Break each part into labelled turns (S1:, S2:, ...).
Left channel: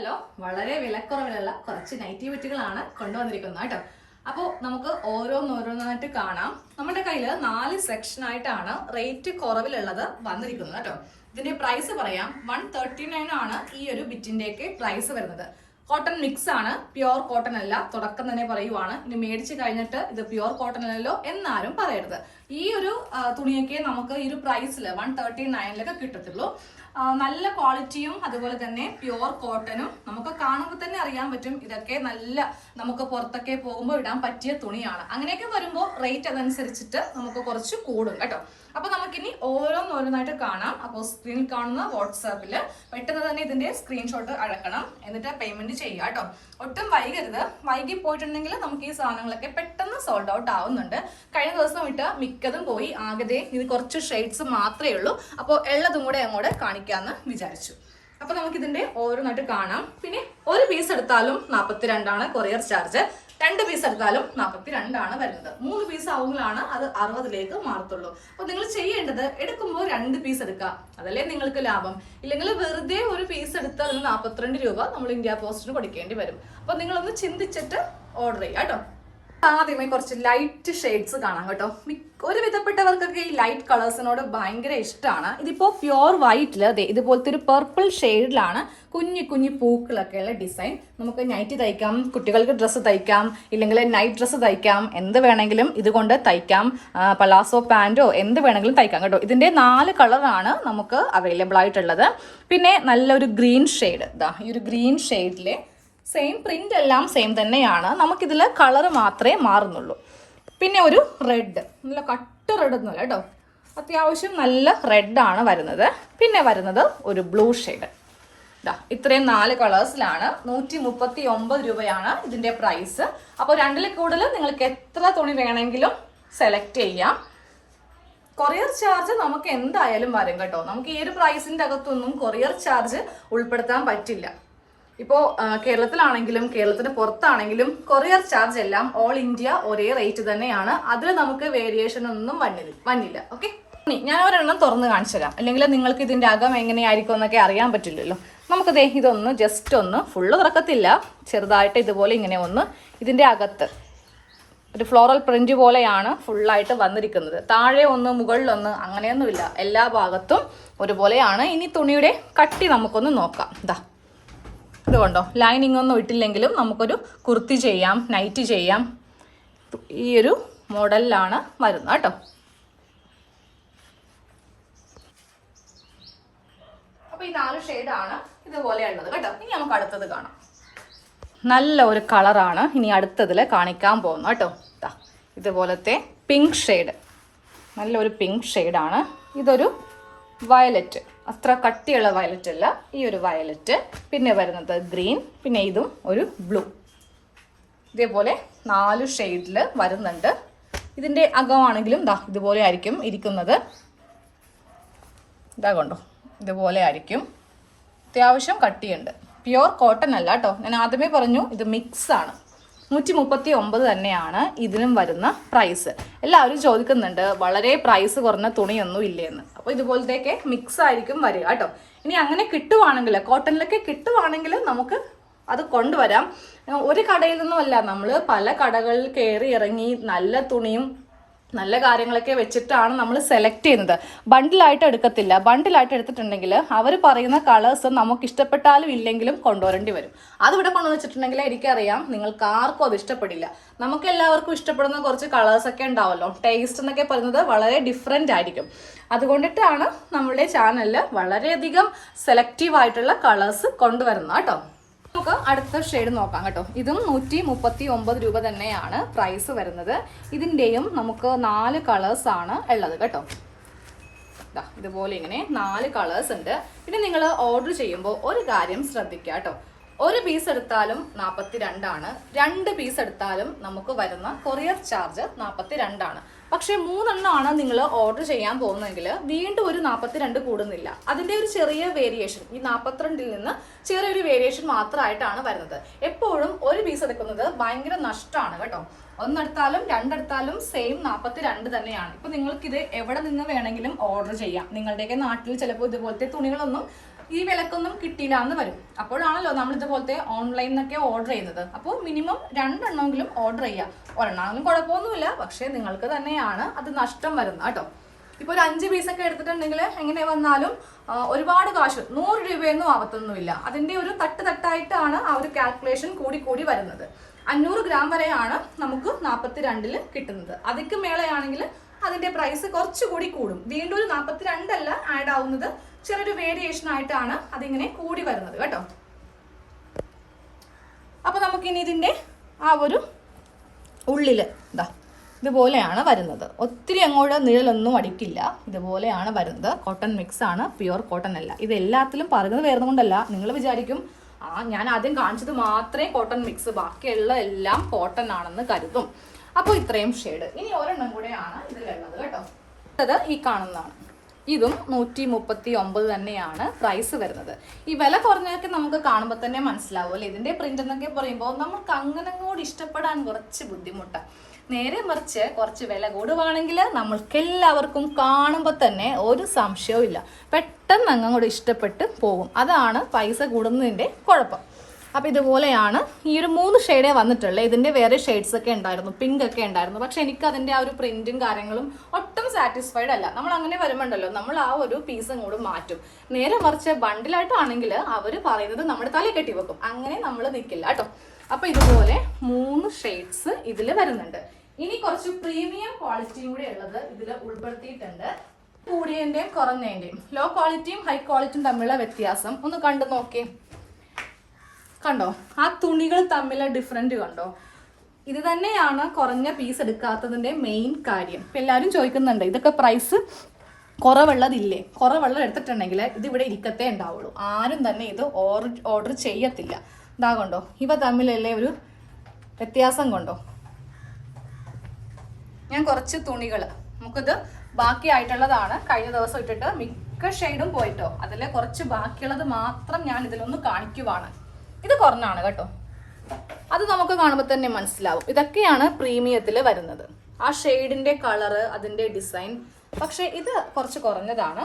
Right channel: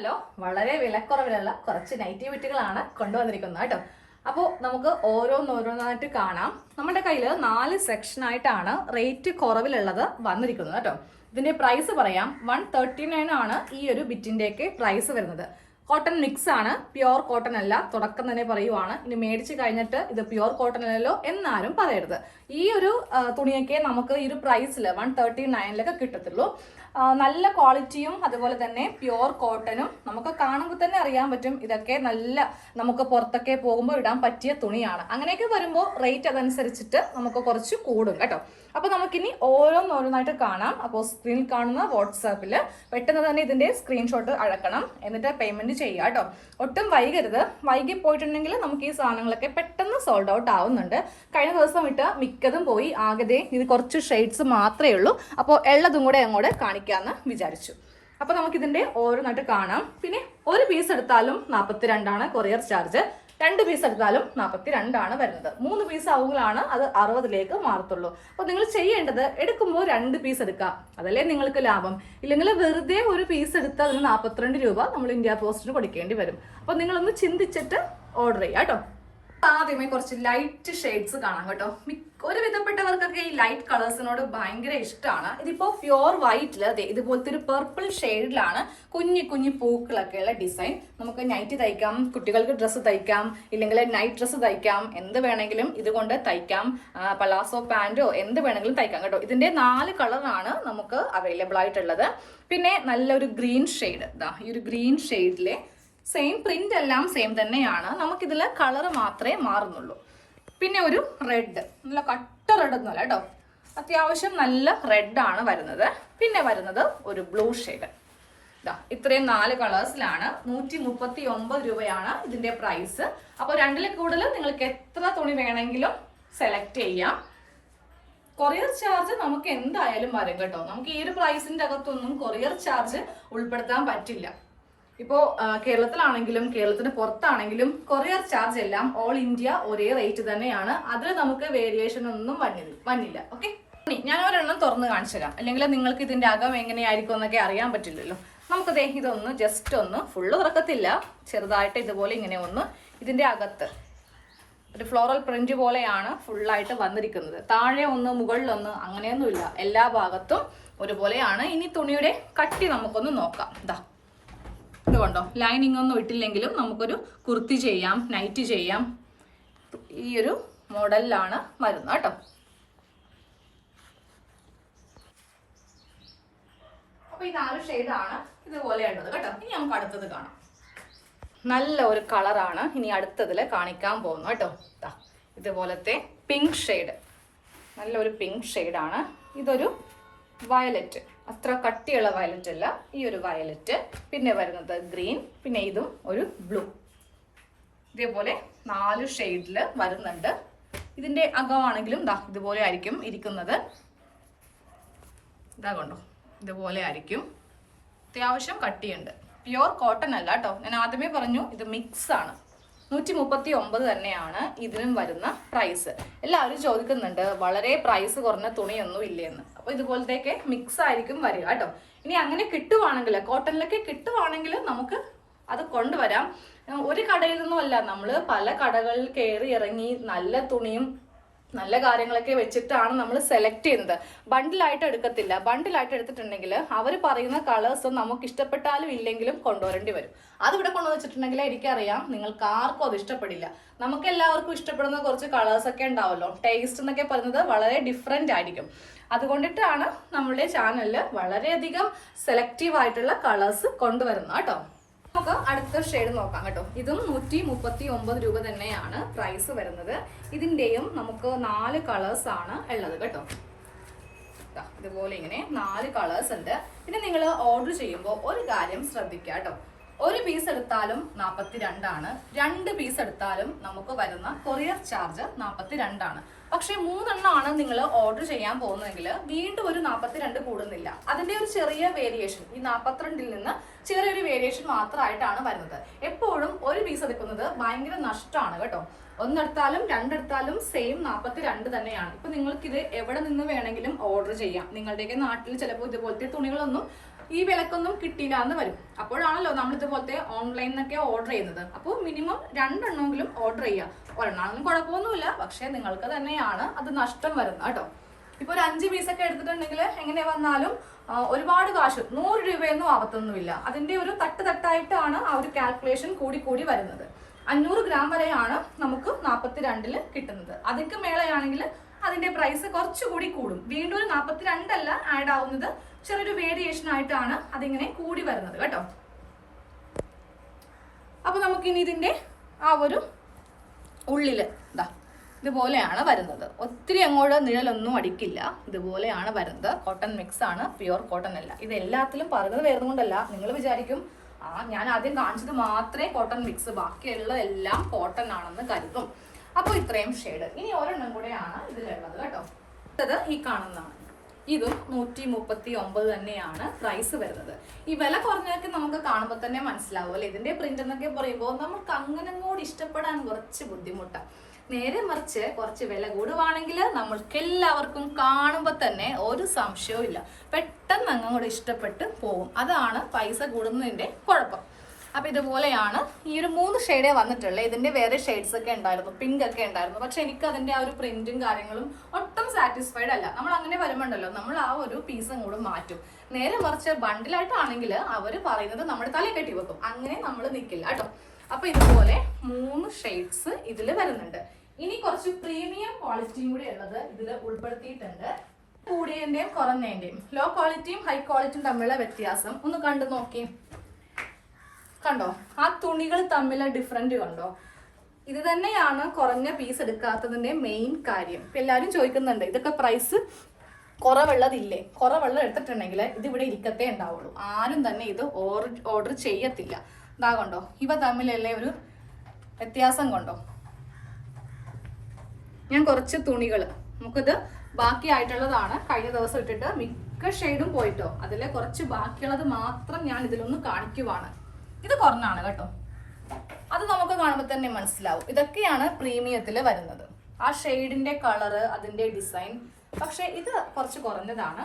S1: Hello വളരെ വിലക്കുറവിലുള്ള കുറച്ച് നൈറ്റിവിറ്റികളാണ് കൊണ്ടുവന്നിരിക്കുന്നത് കേട്ടോ. അപ്പോൾ നമുക്ക് ഓരോന്നോരോന്നായിട്ട് കാണാം. നമ്മുടെ കയ്യിൽ നാല് സെക്ഷൻ ആയിട്ടാണ് റേറ്റ് കുറവിലുള്ളത് വന്നിരിക്കുന്നത് കേട്ടോ. ഇതിന്റെ പ്രൈസ് പറയാം. വൺ തേർട്ടി നയൻ ആണ് ഈ ഒരു ബിറ്റിന്റെയൊക്കെ പ്രൈസ് വരുന്നത്. കോട്ടൺ മിക്സ് ആണ്. പ്യുവർ കോട്ടൺ അല്ല. തുടക്കം തന്നെ പറയുവാണ്. ഇനി മേടിച്ച് കഴിഞ്ഞിട്ട് ഇത് പ്യുവർ കോട്ടൺ അല്ലല്ലോ എന്നാലും പറയരുത്. ഈ ഒരു തുണിയൊക്കെ നമുക്ക് ഈ ഒരു പ്രൈസിൽ വൺ തേർട്ടി നയനിലൊക്കെ കിട്ടത്തുള്ളൂ. നല്ല ക്വാളിറ്റിയും അതുപോലെ തന്നെ പ്യുവർ കോട്ടനും നമുക്ക് കാണുമ്പോൾ തന്നെ അറിയാൻ പറ്റും. ഇതൊക്കെ നല്ല നമുക്ക് പുറത്തൊക്കെ പോകുമ്പോൾ ഇടാൻ പറ്റിയ തുണിയാണ്. അങ്ങനെയൊക്കെ വരുമ്പോൾ റേറ്റ് അതനുസരിച്ചിട്ട് നമുക്ക് കുറച്ച് കൂടും കേട്ടോ. അപ്പൊ നമുക്കിനി ഓരോന്നോരോന്നായിട്ട് കാണാം. അപ്പോൾ സ്ക്രീൻ കാണുന്ന വാട്സാപ്പിൽ പെട്ടെന്ന് തന്നെ ഇതിന്റെ സ്ക്രീൻഷോട്ട് അഴക്കണം. എന്നിട്ട് പേയ്മെന്റ് ചെയ്യുക കേട്ടോ ഒട്ടും വൈകരുത്. വൈകി പോയിട്ടുണ്ടെങ്കിൽ നമുക്ക് ഈ സാധനങ്ങളൊക്കെ പെട്ടെന്ന് സോൾഡ് ഔട്ട് ആവുന്നുണ്ട്. കഴിഞ്ഞ ദിവസം ഇട്ട് മിക്കതും പോയി. ആകെ ഇത് കുറച്ച് ഷെയ്ഡ്സ് മാത്രമേ ഉള്ളൂ. അപ്പോൾ ഉള്ളതും കൂടെ അങ്ങോട്ട് കാണിക്കാമെന്ന് വിചാരിച്ചു. അപ്പൊ നമുക്ക് ഇതിന്റെ ഓരോന്നായിട്ട് കാണാം. പിന്നെ ഒരു പീസ് എടുത്താലും നാൽപ്പത്തിരണ്ടാണ് കൊറിയർ ചാർജ് രണ്ട് പീസ് എടുത്താലും നാൽപ്പത്തി രണ്ടാണ് വരുന്നത്. മൂന്ന് പീസ് ആവുമ്പോഴാണ് അത് അറുപതിലേക്ക് മാറത്തുള്ളൂ. അപ്പോൾ നിങ്ങൾ ചെയ്യേണ്ടത് എടുക്കുമ്പോൾ രണ്ട് പീസ് എടുക്കുക. അതല്ലേ നിങ്ങൾക്ക് ലാഭം. ഇല്ലെങ്കിൽ വെറുതെ ഒരു പീസ് എടുത്ത് അതിന് നാൽപ്പത്തിരണ്ട് രൂപ നമ്മൾ ഇന്ത്യ പോസ്റ്റിന് കൊടുക്കേണ്ടി വരും. അപ്പോൾ നിങ്ങളൊന്ന് ചിന്തിച്ചിട്ട് ഓർഡർ ചെയ്യുക കേട്ടോ. ആദ്യമേ കുറച്ച് ലൈറ്റ് ഷെയ്ഡ്സ് കാണാം കേട്ടോ. ഒരു വിധപ്പെട്ടവർക്കൊക്കെ ഈ ലൈറ്റ് കളേഴ്സിനോട് ഭയങ്കര ഇഷ്ടമാണ് ഇതിപ്പോ പ്യുവർ വൈറ്റിൽ അതെ ഇതുപോലത്തെ ഒരു പർപ്പിൾ ഷെയ്ഡിലാണ് കുഞ്ഞു കുഞ്ഞു പൂക്കളൊക്കെ ഉള്ള ഡിസൈൻ നമുക്ക് നൈറ്റ് തയ്ക്കാം കുട്ടികൾക്ക് ഡ്രസ്സ് തയ്ക്കാം ഇല്ലെങ്കിൽ നൈറ്റ് ഡ്രസ്സ് തയ്ക്കാം എന്ത് വേണമെങ്കിലും ഇതുകൊണ്ട് തയ്ക്കാം പലാസോ പാന്റോ എന്ത് വേണമെങ്കിലും തയ്ക്കാം കേട്ടോ. ഇതിന്റെ നാല് കളറാണ് നമുക്ക് അവൈലബിൾ ആയിട്ടുള്ളത്. പിന്നെ നല്ലൊരു ഗ്രീൻ ഷെയ്ഡ് ഇതാ ഈ ഒരു ഗ്രീൻ ഷെയ്ഡിലെ സെയിം പ്രിന്റ് എല്ലാം സെയിം തന്നെയാണ്. നമുക്കിതിൽ കളർ മാത്രമേ മാറുന്നുള്ളൂ. പിന്നെ ഒരു റെഡ് നല്ല കട്ട റെഡ് ഒന്നുമല്ല കേട്ടോ. അത്യാവശ്യം നല്ല റെഡാണ് വരുന്നത്. പിന്നെ വരുന്നത് ഒരു ബ്ലൂ ഷെയ്ഡ് ഇതാ ഇത്രയും നാല് കളേഴ്സിലാണ് നൂറ്റി മുപ്പത്തി ഒമ്പത് രൂപയാണ് ഇതിന്റെ പ്രൈസ് അപ്പോൾ രണ്ടിൽ കൂടുതൽ നിങ്ങൾക്ക് എത്ര തുണി വേണമെങ്കിലും സെലക്ട് ചെയ്യാം. കൊറിയർ ചാർജ് നമുക്ക് എന്തായാലും വരും കേട്ടോ. നമുക്ക് ഈ ഒരു പ്രൈസിന്റെ അകത്തൊന്നും കൊറിയർ ചാർജ് ഉൾപ്പെടുത്താൻ പറ്റില്ല. ഇപ്പോൾ കേരളത്തിലാണെങ്കിലും കേരളത്തിന് പുറത്താണെങ്കിലും കൊറിയർ ചാർജ് എല്ലാം ഓൾ ഇന്ത്യ ഒരേ റേറ്റ് തന്നെയാണ്. അതിൽ നമുക്ക് വേരിയേഷൻ ഒന്നും വന്നില്ല വന്നില്ല ഓക്കെ ഞാൻ ഒരെണ്ണം തുറന്ന് കാണിച്ചു തരാം. അല്ലെങ്കിൽ നിങ്ങൾക്ക് ഇതിന്റെ അകം എങ്ങനെയായിരിക്കും എന്നൊക്കെ അറിയാൻ പറ്റില്ലല്ലോ. നമുക്ക് ദേ ഇതൊന്ന് ജസ്റ്റ് ഒന്ന് ഫുള്ള് തുറക്കത്തില്ല. ചെറുതായിട്ട് ഇതുപോലെ ഇങ്ങനെ ഒന്ന് ഇതിന്റെ അകത്ത് ഒരു ഫ്ലോറൽ പ്രിന്റ് പോലെയാണ് ഫുള്ളായിട്ട് വന്നിരിക്കുന്നത്. താഴെ ഒന്ന് മുകളിലൊന്ന് അങ്ങനെയൊന്നുമില്ല. എല്ലാ ഭാഗത്തും ഒരുപോലെയാണ്. ഇനി തുണിയുടെ കട്ടി നമുക്കൊന്ന് നോക്കാം. ഇതാ ഇതുകൊണ്ടോ ലൈനിങ് ഒന്നും ഇട്ടില്ലെങ്കിലും നമുക്കൊരു കുർത്തി ചെയ്യാം നൈറ്റ് ചെയ്യാം. ഈ ഒരു മോഡലിലാണ് വരുന്നത് കേട്ടോ. അപ്പൊ ഈ നാല് ഷെയ്ഡാണ് ഇതുപോലെയുള്ളത് കേട്ടോ. ഇനി നമുക്ക് അടുത്തത് കാണാം. നല്ല ഒരു കളറാണ് ഇനി അടുത്തതിൽ കാണിക്കാൻ പോകുന്നത് കേട്ടോ. ഇതുപോലത്തെ പിങ്ക് ഷെയ്ഡ് നല്ലൊരു പിങ്ക് ഷെയ്ഡാണ് ഇതൊരു വയലറ്റ് അത്ര കട്ടിയുള്ള വയലറ്റ് അല്ല. ഈ ഒരു വയലറ്റ് പിന്നെ വരുന്നത് ഗ്രീൻ പിന്നെ ഇതും ഒരു ബ്ലൂ ഇതേപോലെ നാല് ഷെയ്ഡിൽ വരുന്നുണ്ട്. ഇതിന്റെ അകമാണെങ്കിലും ദാ ഇതുപോലെ ആയിരിക്കും ഇരിക്കുന്നത്. ഇതാ കൊണ്ടോ? ഇതുപോലെ ആയിരിക്കും. അത്യാവശ്യം കട്ടിയുണ്ട്. പ്യുവർ കോട്ടൺ അല്ല കേട്ടോ. ഞാൻ ആദ്യമേ പറഞ്ഞു ഇത് മിക്സ് ആണ്. നൂറ്റി മുപ്പത്തി ഒമ്പത് തന്നെയാണ് ഇതിനും വരുന്ന പ്രൈസ് എല്ലാവരും ചോദിക്കുന്നുണ്ട് വളരെ പ്രൈസ് കുറഞ്ഞ തുണിയൊന്നും ഇല്ലേന്ന്. അപ്പോൾ ഇതുപോലത്തെയൊക്കെ മിക്സ് ആയിരിക്കും വരിക കേട്ടോ. ഇനി അങ്ങനെ കിട്ടുവാണെങ്കിൽ കോട്ടണിലൊക്കെ കിട്ടുവാണെങ്കിൽ നമുക്ക് അത് കൊണ്ടുവരാം. ഒരു കടയിൽ നിന്നുമല്ല നമ്മൾ പല കടകളിൽ കയറി ഇറങ്ങി നല്ല തുണിയും നല്ല കാര്യങ്ങളൊക്കെ വെച്ചിട്ടാണ് നമ്മൾ സെലക്ട് ചെയ്യുന്നത്. ബണ്ടിലായിട്ട് എടുക്കത്തില്ല. ബണ്ടിലായിട്ട് എടുത്തിട്ടുണ്ടെങ്കിൽ അവർ പറയുന്ന കളേഴ്സ് നമുക്ക് ഇഷ്ടപ്പെട്ടാലും ഇല്ലെങ്കിലും കൊണ്ടുവരേണ്ടി വരും. അതിവിടെ കൊണ്ടു വെച്ചിട്ടുണ്ടെങ്കിൽ എനിക്കറിയാം നിങ്ങൾക്ക് ആർക്കും അത് ഇഷ്ടപ്പെടില്ല. നമുക്ക് എല്ലാവർക്കും ഇഷ്ടപ്പെടുന്ന കുറച്ച് കളേഴ്സ് ഒക്കെ ഉണ്ടാവല്ലോ. ടേസ്റ്റ് എന്നൊക്കെ പറയുന്നത് വളരെ ഡിഫറെന്റ് ആയിരിക്കും. അതുകൊണ്ടിട്ടാണ് നമ്മുടെ ചാനലിൽ വളരെയധികം സെലക്റ്റീവ് ആയിട്ടുള്ള കളേഴ്സ് കൊണ്ടുവരുന്നത് കേട്ടോ. നമുക്ക് അടുത്ത ഷെയ്ഡ് നോക്കാം കേട്ടോ. ഇതും നൂറ്റി മുപ്പത്തി ഒമ്പത് രൂപ തന്നെയാണ് പ്രൈസ് വരുന്നത്. ഇതിന്റെയും നമുക്ക് നാല് കളേഴ്സ് ആണ് ഉള്ളത് കേട്ടോ. ഇതുപോലെ ഇങ്ങനെ നാല് കളേഴ്സ് ഉണ്ട്. പിന്നെ നിങ്ങൾ ഓർഡർ ചെയ്യുമ്പോൾ ഒരു കാര്യം ശ്രദ്ധിക്കുക കേട്ടോ. ഒരു പീസ് എടുത്താലും നാൽപ്പത്തി രണ്ടാണ് രണ്ട് പീസ് എടുത്താലും നമുക്ക് വരുന്ന കൊറിയർ ചാർജ് നാൽപ്പത്തി രണ്ടാണ് പക്ഷേ മൂന്നെണ്ണമാണ് നിങ്ങൾ ഓർഡർ ചെയ്യാൻ പോകുന്നതെങ്കിൽ വീണ്ടും ഒരു നാൽപ്പത്തിരണ്ട് കൂടുന്നില്ല. അതിന്റെ ഒരു ചെറിയ വേരിയേഷൻ ഈ നാൽപ്പത്തിരണ്ടിൽ നിന്ന് ചെറിയൊരു വേരിയേഷൻ മാത്രമായിട്ടാണ് വരുന്നത്. എപ്പോഴും ഒരു പീസ് എടുക്കുന്നത് ഭയങ്കര നഷ്ടമാണ് കേട്ടോ. ഒന്നെടുത്താലും രണ്ടെടുത്താലും സെയിം നാൽപ്പത്തി രണ്ട് തന്നെയാണ്. ഇപ്പൊ നിങ്ങൾക്ക് ഇത് എവിടെ നിന്ന് വേണമെങ്കിലും ഓർഡർ ചെയ്യാം. നിങ്ങളുടെയൊക്കെ നാട്ടിൽ ചിലപ്പോൾ ഇതുപോലത്തെ തുണികളൊന്നും ഈ വിലക്കൊന്നും കിട്ടിയില്ല എന്ന് വരും. അപ്പോഴാണല്ലോ നമ്മൾ ഇതുപോലത്തെ ഓൺലൈനിൽ നിന്നൊക്കെ ഓർഡർ ചെയ്യുന്നത് അപ്പോൾ മിനിമം രണ്ടെണ്ണമെങ്കിലും ഓർഡർ ചെയ്യുക ഒരെണ്ണമെങ്കിലും കുഴപ്പമൊന്നുമില്ല. പക്ഷേ നിങ്ങൾക്ക് തന്നെയാണ് അത് നഷ്ടം വരുന്നത് കേട്ടോ. ഇപ്പോൾ ഒരു അഞ്ച് പീസൊക്കെ എടുത്തിട്ടുണ്ടെങ്കിൽ എങ്ങനെ വന്നാലും ഒരുപാട് കാശ്. നൂറ് രൂപയൊന്നും ആവത്തൊന്നുമില്ല അതിന്റെ ഒരു തട്ട് തട്ടായിട്ടാണ് ആ ഒരു കാൽക്കുലേഷൻ കൂടി കൂടി വരുന്നത്. അഞ്ഞൂറ് ഗ്രാം വരെയാണ് നമുക്ക് നാൽപ്പത്തി രണ്ടിൽ കിട്ടുന്നത്. അതിക്ക് മേളയാണെങ്കിൽ അതിന്റെ പ്രൈസ് കുറച്ചുകൂടി കൂടും. വീണ്ടും ഒരു നാൽപ്പത്തി രണ്ടല്ല ആഡ് ആവുന്നത്. ചെറിയൊരു വേരിയേഷൻ ആയിട്ടാണ് അതിങ്ങനെ കൂടി വരുന്നത് കേട്ടോ. അപ്പൊ നമുക്കിനി ഇതിന്റെ ആ ഒരു ഉള്ളിൽ ഇതാ ഇതുപോലെയാണ് വരുന്നത്. ഒത്തിരി അങ്ങോട്ട് നിഴലൊന്നും അടിക്കില്ല. ഇതുപോലെയാണ് വരുന്നത്. കോട്ടൺ മിക്സ് ആണ്. പ്യുവർ കോട്ടൺ അല്ല. ഇത് എല്ലാത്തിലും പറയുന്നത് വരുന്നതുകൊണ്ടല്ല. കൊണ്ടല്ല നിങ്ങൾ വിചാരിക്കും ആ ഞാൻ ആദ്യം കാണിച്ചത് മാത്രമേ കോട്ടൺ മിക്സ് ബാക്കിയുള്ള എല്ലാം കോട്ടൺ ആണെന്ന് കരുതും. അപ്പോൾ ഇത്രയും ഷെയ്ഡ് ഇനി ഒരെണ്ണം കൂടെയാണ് ഇതിലുള്ളത് കേട്ടോ. അത് ഈ കാണുന്നതാണ്. ഇതും നൂറ്റി മുപ്പത്തി ഒമ്പത് തന്നെയാണ് പ്രൈസ് വരുന്നത്. ഈ വില കുറഞ്ഞൊക്കെ നമുക്ക് കാണുമ്പോൾ തന്നെ മനസ്സിലാവും അല്ലേ? ഇതിന്റെ പ്രിന്റ് എന്നൊക്കെ പറയുമ്പോൾ നമുക്ക് അങ്ങനെ കൂടി ഇഷ്ടപ്പെടാൻ കുറച്ച് ബുദ്ധിമുട്ടാണ് നേരെ മറിച്ച് കുറച്ച് വില കൂടുവാണെങ്കിൽ നമ്മൾക്ക് എല്ലാവർക്കും കാണുമ്പോൾ തന്നെ ഒരു സംശയവും ഇല്ല പെട്ടെന്ന് അങ്ങോട്ട് ഇഷ്ടപ്പെട്ട് പോകും. അതാണ് പൈസ കൂടുന്നതിന്റെ കുഴപ്പം. അപ്പൊ ഇതുപോലെയാണ് ഈ ഒരു മൂന്ന് ഷെയ്ഡേ വന്നിട്ടുള്ളത് ഇതിന്റെ വേറെ ഷെയ്ഡ്സ് ഒക്കെ ഉണ്ടായിരുന്നു. പിങ്ക് ഒക്കെ ഉണ്ടായിരുന്നു. പക്ഷെ എനിക്ക് അതിന്റെ ആ ഒരു പ്രിന്റും കാര്യങ്ങളും ഒട്ടും സാറ്റിസ്ഫൈഡ് അല്ല. നമ്മൾ അങ്ങനെ വരുമ്പോണ്ടല്ലോ നമ്മൾ ആ ഒരു പീസ് അങ്ങോട്ട് മാറ്റും. നേരെ മറിച്ച് ബണ്ടിലായിട്ടാണെങ്കിൽ അവർ പറയുന്നത് നമ്മുടെ തല കെട്ടി വെക്കും. അങ്ങനെ നമ്മൾ നിൽക്കില്ല കേട്ടോ. അപ്പൊ ഇതുപോലെ മൂന്ന് ഷെയ്ഡ്സ് ഇതിൽ വരുന്നുണ്ട്. ഇനി കുറച്ച് പ്രീമിയം ക്വാളിറ്റിയും കൂടി ഉള്ളത് ഇതിൽ ഉൾപ്പെടുത്തിയിട്ടുണ്ട്. കൂടിയതിന്റെയും കുറഞ്ഞതിന്റെയും ലോ ക്വാളിറ്റിയും ഹൈ ക്വാളിറ്റിയും തമ്മിലുള്ള വ്യത്യാസം ഒന്ന് കണ്ടു നോക്കേ കണ്ടോ? ആ തുണികൾ തമ്മിലെ ഡിഫറന്റ് കണ്ടോ? ഇത് തന്നെയാണ് കുറഞ്ഞ പീസ് എടുക്കാത്തതിന്റെ മെയിൻ കാര്യം. ഇപ്പൊ എല്ലാവരും ചോദിക്കുന്നുണ്ട് ഇതൊക്കെ പ്രൈസ് കുറവുള്ളതില്ലേ? കുറവുള്ളത് എടുത്തിട്ടുണ്ടെങ്കിൽ ഇത് ഇവിടെ ഇരിക്കത്തേ ഉണ്ടാവുള്ളൂ. ആരും തന്നെ ഇത് ഓർഡർ ഓർഡർ ചെയ്യത്തില്ല. ഇതാ കൊണ്ടോ? ഇവ തമ്മിലല്ലേ ഒരു വ്യത്യാസം കൊണ്ടോ? ഞാൻ കുറച്ച് തുണികൾ നമുക്കിത് ബാക്കിയായിട്ടുള്ളതാണ്. കഴിഞ്ഞ ദിവസം ഇട്ടിട്ട് മിക്ക ഷെയ്ഡും പോയിട്ടോ. അതിലെ കുറച്ച് ബാക്കിയുള്ളത് മാത്രം ഞാൻ ഇതിലൊന്ന് കാണിക്കുവാണ്. ഇത് കുറഞ്ഞാണ് കേട്ടോ. അത് നമുക്ക് കാണുമ്പോൾ തന്നെ മനസ്സിലാവും. ഇതൊക്കെയാണ് പ്രീമിയത്തിൽ വരുന്നത്. ആ ഷെയ്ഡിന്റെ കളറ് അതിന്റെ ഡിസൈൻ പക്ഷെ ഇത് കുറച്ച് കുറഞ്ഞതാണ്.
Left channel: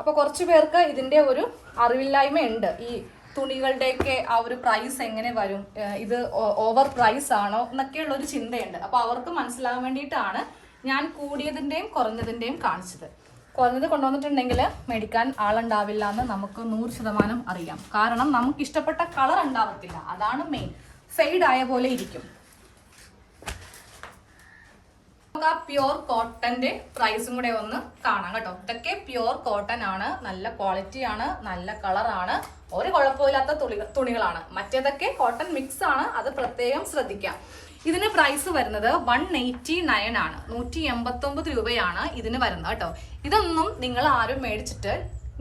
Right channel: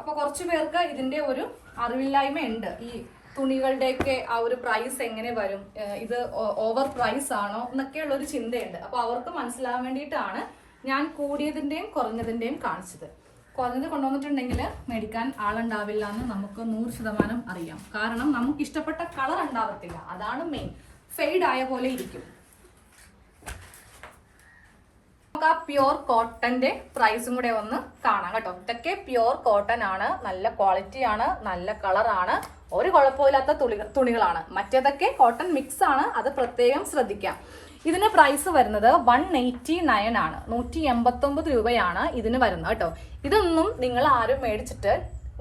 S1: അപ്പൊ കുറച്ചു പേർക്ക് ഇതിന്റെ ഒരു അറിവില്ലായ്മ ഉണ്ട് ഈ തുണികളുടെയൊക്കെ ആ ഒരു പ്രൈസ് എങ്ങനെ വരും? ഇത് ഓവർ പ്രൈസ് ആണോ എന്നൊക്കെയുള്ള ഒരു ചിന്തയുണ്ട്. അപ്പൊ അവർക്ക് മനസ്സിലാവാൻ വേണ്ടിയിട്ടാണ് ഞാൻ കൂടിയതിന്റെയും കുറഞ്ഞതിന്റെയും കാണിച്ചത്. കുറഞ്ഞത് കൊണ്ടുവന്നിട്ടുണ്ടെങ്കിൽ മേടിക്കാൻ ആളുണ്ടാവില്ല എന്ന് നമുക്ക് നൂറ് ശതമാനം അറിയാം. കാരണം നമുക്ക് ഇഷ്ടപ്പെട്ട കളർ ഉണ്ടാവത്തില്ല. അതാണ് മെയിൻ ഫെയ്ഡ് ആയ പോലെ ഇരിക്കും. നമുക്ക് ആ കോട്ടന്റെ പ്രൈസും കൂടെ ഒന്ന് കാണാം കേട്ടോ. ഇതൊക്കെ പ്യുവർ കോട്ടൺ ആണ്. നല്ല ക്വാളിറ്റി ആണ്. നല്ല കളറാണ് ഒരു കുഴപ്പമില്ലാത്ത തുണികളാണ്. മറ്റേതൊക്കെ കോട്ടൺ മിക്സ് ആണ്. അത് പ്രത്യേകം ശ്രദ്ധിക്കാം. ഇതിന് പ്രൈസ് വരുന്നത് വൺ എയ്റ്റി നയൻ ആണ്. നൂറ്റി എൺപത്തി ഒമ്പത് രൂപയാണ് ഇതിന് വരുന്നത് കേട്ടോ. ഇതൊന്നും നിങ്ങൾ ആരും മേടിച്ചിട്ട്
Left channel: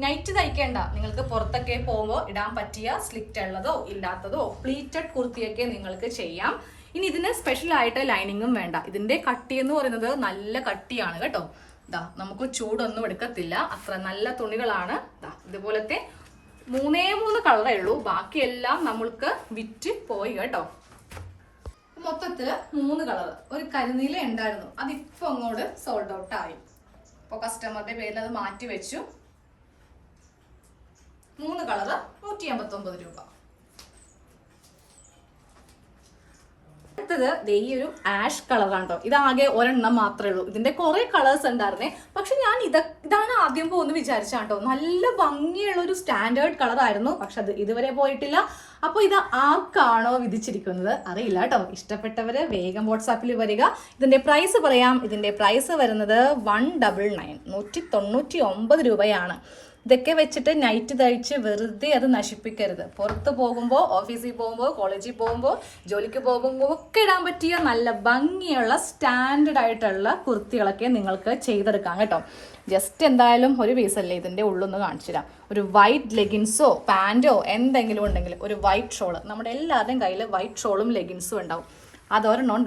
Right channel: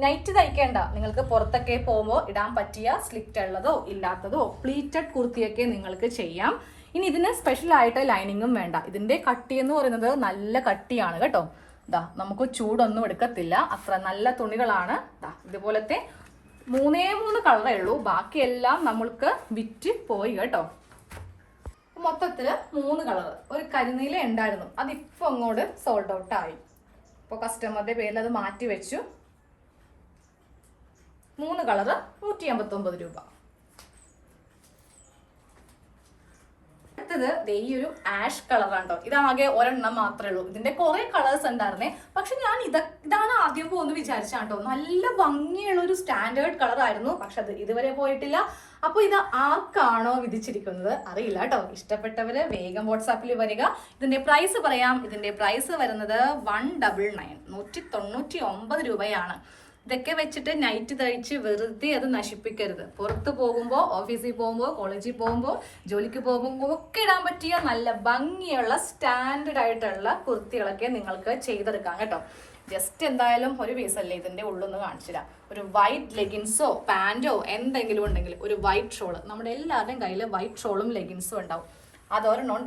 S1: നൈറ്റ് തയ്ക്കേണ്ട. നിങ്ങൾക്ക് പുറത്തൊക്കെ പോകുമ്പോൾ ഇടാൻ പറ്റിയ സ്ലിറ്റ് ഉള്ളതോ ഇല്ലാത്തതോ പ്ലീറ്റഡ് കുർത്തിയൊക്കെ നിങ്ങൾക്ക് ചെയ്യാം. ഇനി ഇതിന് സ്പെഷ്യൽ ആയിട്ട് ലൈനിങ്ങും വേണ്ട. ഇതിന്റെ കട്ടി എന്ന് പറയുന്നത് നല്ല കട്ടിയാണ് കേട്ടോ. ഇതാ നമുക്ക് ചൂടൊന്നും എടുക്കത്തില്ല. അത്ര നല്ല തുണികളാണ്. ദാ ഇതുപോലത്തെ മൂന്നേ മൂന്ന് കളറേ ഉള്ളൂ. ബാക്കിയെല്ലാം നമ്മൾക്ക് വിറ്റ് പോയി കേട്ടോ. മൊത്തത്തിൽ മൂന്ന് കളർ ഒരു കരിനീല ഉണ്ടായിരുന്നു. അതിപ്പോ അങ്ങോട്ട് സോൾഡ് ഔട്ട് ആയി. ഇപ്പോൾ കസ്റ്റമറുടെ പേരിൽ അത് മാറ്റി വെച്ചു. മൂന്ന് കളർ നൂറ്റി അമ്പത്തി ഒമ്പത് രൂപ. അടുത്തത് വലിയൊരു ആഷ് കളർ ഉണ്ടോ ഇതാകെ ഒരെണ്ണം മാത്രമേ ഉള്ളൂ. ഇതിന്റെ കുറെ കളേഴ്സ് ഉണ്ടായിരുന്നേ. പക്ഷെ ഞാൻ ഇത് ഇതാണ് ആദ്യം പോകുന്നു വിചാരിച്ചാട്ടോ. നല്ല ഭംഗിയുള്ള ഒരു സ്റ്റാൻഡേർഡ് കളർ ആയിരുന്നു. പക്ഷെ അത് ഇതുവരെ പോയിട്ടില്ല. അപ്പൊ ഇത് ആർക്കാണോ വിധിച്ചിരിക്കുന്നത്? അറിയില്ല കേട്ടോ. ഇഷ്ടപ്പെട്ടവര് വേഗം വാട്സാപ്പിൽ വരിക. ഇതിന്റെ പ്രൈസ് പറയാം. ഇതിന്റെ പ്രൈസ് വരുന്നത് വൺ ഡബിൾ നയൻ നൂറ്റി തൊണ്ണൂറ്റി ഒമ്പത് രൂപയാണ്. ഇതൊക്കെ വെച്ചിട്ട് നൈറ്റ് തയ്ച്ച് വെറുതെ അത് നശിപ്പിക്കരുത്. പുറത്ത് പോകുമ്പോൾ ഓഫീസിൽ പോകുമ്പോൾ കോളേജിൽ പോകുമ്പോൾ ജോലിക്ക് പോകുമ്പോൾ ഒക്കെ ഇടാൻ പറ്റിയ നല്ല ഭംഗിയുള്ള സ്റ്റാൻഡേർഡ് ആയിട്ടുള്ള കുർത്തികളൊക്കെ നിങ്ങൾക്ക് ചെയ്തെടുക്കാം കേട്ടോ. ജസ്റ്റ് എന്തായാലും ഒരു പീസല്ലേ ഇതിന്റെ ഉള്ളൊന്ന് കാണിച്ചു തരാം. ഒരു വൈറ്റ് ലെഗിൻസോ പാന്റോ എന്തെങ്കിലും ഉണ്ടെങ്കിൽ ഒരു വൈറ്റ് ഷോൾ നമ്മുടെ എല്ലാവരുടെയും കയ്യിൽ വൈറ്റ് ഷോളും ലെഗിൻസും ഉണ്ടാവും. അതൊരെണ്ണം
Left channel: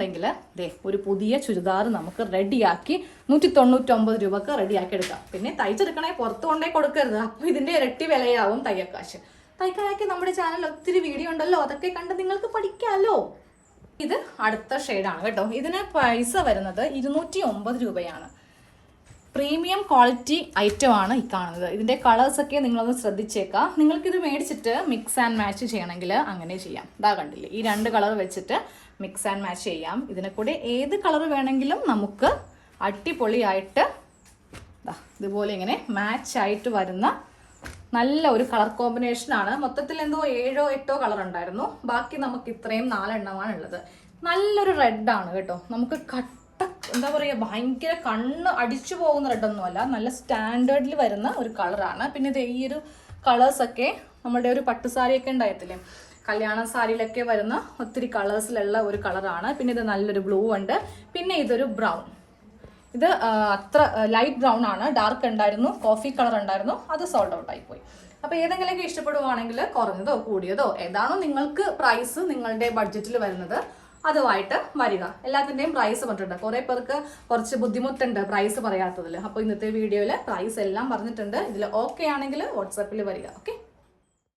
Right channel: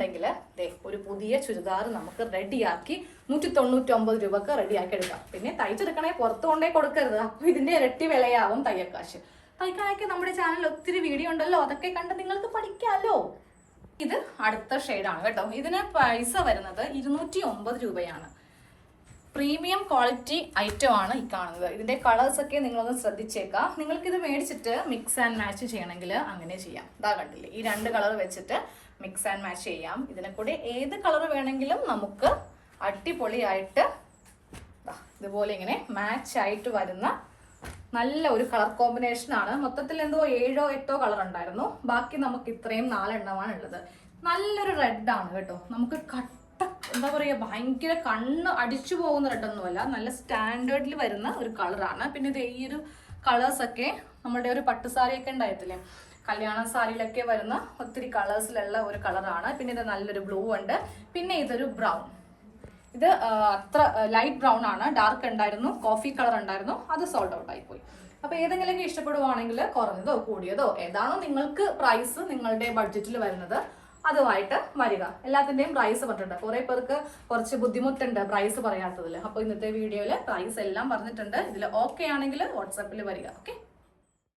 S1: ദേ ഒരു പുതിയ ചുരിദാർ നമുക്ക് റെഡിയാക്കി നൂറ്റി തൊണ്ണൂറ്റൊമ്പത് രൂപക്ക് റെഡിയാക്കി എടുക്കാം പിന്നെ തയ്ച്ചെടുക്കണേ പുറത്ത് കൊണ്ടേ കൊടുക്കരുത്. അപ്പോൾ ഇതിന്റെ ഇരട്ടി വിലയാവും തയ്യക്കാശ് തയ്ക്കാനൊക്കെ നമ്മുടെ ചാനലിൽ ഒത്തിരി വീഡിയോ ഉണ്ടല്ലോ അതൊക്കെ കണ്ട് നിങ്ങൾക്ക് പഠിക്കാമല്ലോ ഇത് അടുത്ത ഷെയ്ഡാണ് കേട്ടോ. ഇതിന് പൈസ വരുന്നത് ഇരുന്നൂറ്റി ഒമ്പത് രൂപയാണ്. പ്രീമിയം ക്വാളിറ്റി ഐറ്റം ആണ് ഈ കാണുന്നത്. ഇതിന്റെ കളേഴ്സ് ഒക്കെ നിങ്ങളൊന്ന് ശ്രദ്ധിച്ചേക്കാം. നിങ്ങൾക്ക് ഇത് മേടിച്ചിട്ട് മിക്സ് ആൻഡ് മാച്ച് ചെയ്യണമെങ്കിൽ അങ്ങനെ ചെയ്യാം. ഇതാ കണ്ടില്ലേ ഈ രണ്ട് കളർ വെച്ചിട്ട് മിക്സ് ആൻഡ് മാച്ച് ചെയ്യാം. ഇതിനെ കൂടെ ഏത് കളർ വേണമെങ്കിലും നമുക്ക് അടിപൊളിയായിട്ട് ഇതുപോലെ ഇങ്ങനെ മാച്ച് ആയിട്ട് വരുന്ന നല്ല ഒരു കളർ കോമ്പിനേഷൻ ആണ്. മൊത്തത്തിൽ എന്തോ ഏഴോ എട്ടോ കളർ ഉണ്ടായിരുന്നു. ബാക്കി നമുക്ക് ഇത്രയും നാലെണ്ണമാണ് ഉള്ളത്. നല്ലൊരു റെഡ് ആണ് കേട്ടോ. നമുക്ക് കട്ട എന്താ പറയുക ഭയങ്കര കണ്ണ് അടിച്ചു പോകുന്ന റെഡ് ഒന്നുമല്ല നല്ല സ്റ്റാൻഡേർഡിൽ വരുന്ന ഒരു കളറാണ് പിന്നെ ഇത് ഈ ഒരു കളേഴ്സൊക്കെ നമ്മുടെ ഒരു പട്ടുസാരിയൊക്കെ ഉണ്ടായിട്ടില്ലേ? കല്യാണ സാരിയിലൊക്കെ വരുന്ന ഒത്തിരി കളേഴ്സിലുള്ള ഒരു കളറാണ്. പിന്നെ ഇത് നല്ലൊരു ബ്ലൂ ഉണ്ട്. പിന്നെ ഇതൊരു ബ്രൗൺ. ഇത് അത്ര ലൈറ്റ് ബ്രൗൺ ആണ്. ഡാർക്ക് ഉണ്ടായിരുന്നു. കോഫി കളർ ഉണ്ടായിരുന്നു. അത് സോൾഡ് ഔട്ട് ആയിപ്പോയി. പോയി അപ്പൊ ഏതെങ്കിലും ഇഷ്ടപ്പെടുവാണെങ്കിൽ കുറഞ്ഞതോ കൂടിയതോ ഏതാണോ നിങ്ങൾക്ക് പ്രൈസ് നിങ്ങളുടെ ബഡ്ജറ്റിൽ വരുന്നത് അതുമായിട്ട് വരിക. എല്ലാത്തിന്റെയും പ്രൈസ് പറഞ്ഞിട്ടുണ്ട്. കുറേ പേർക്ക് കുറച്ച് ബുദ്ധിമുട്ടുണ്ട് പ്രൈസ് പറയാത്തതിൽ അപ്പോൾ ഇന്നത്തെ വീഡിയോയിൽ പ്രൈസ് എല്ലാം പറഞ്ഞിട്ടുണ്ട്. ഇതിൽ ഓക്കെ ആണെങ്കിൽ വാട്സാപ്പിൽ വരിക. ഓക്കെ